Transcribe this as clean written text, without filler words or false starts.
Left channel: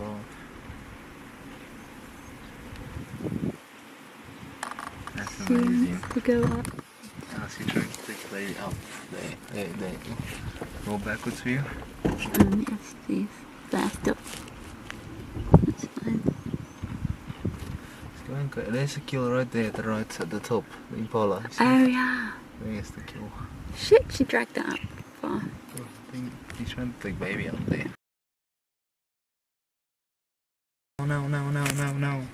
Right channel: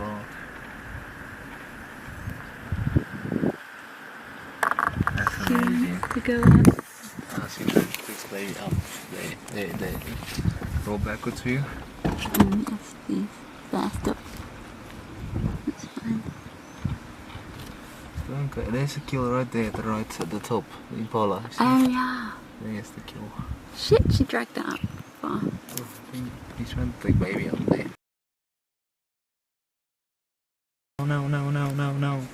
boat. That's amazing. To go up. So try to get this baby up. There. Go backwards for you. That's this. That's the. That's fine. It's going good. There's a kill right there at the right at the top. The impala. Oh yeah. There's the kill. Shit, she dragged that up far. Oh, he's trying to take baby up there. Oh, no.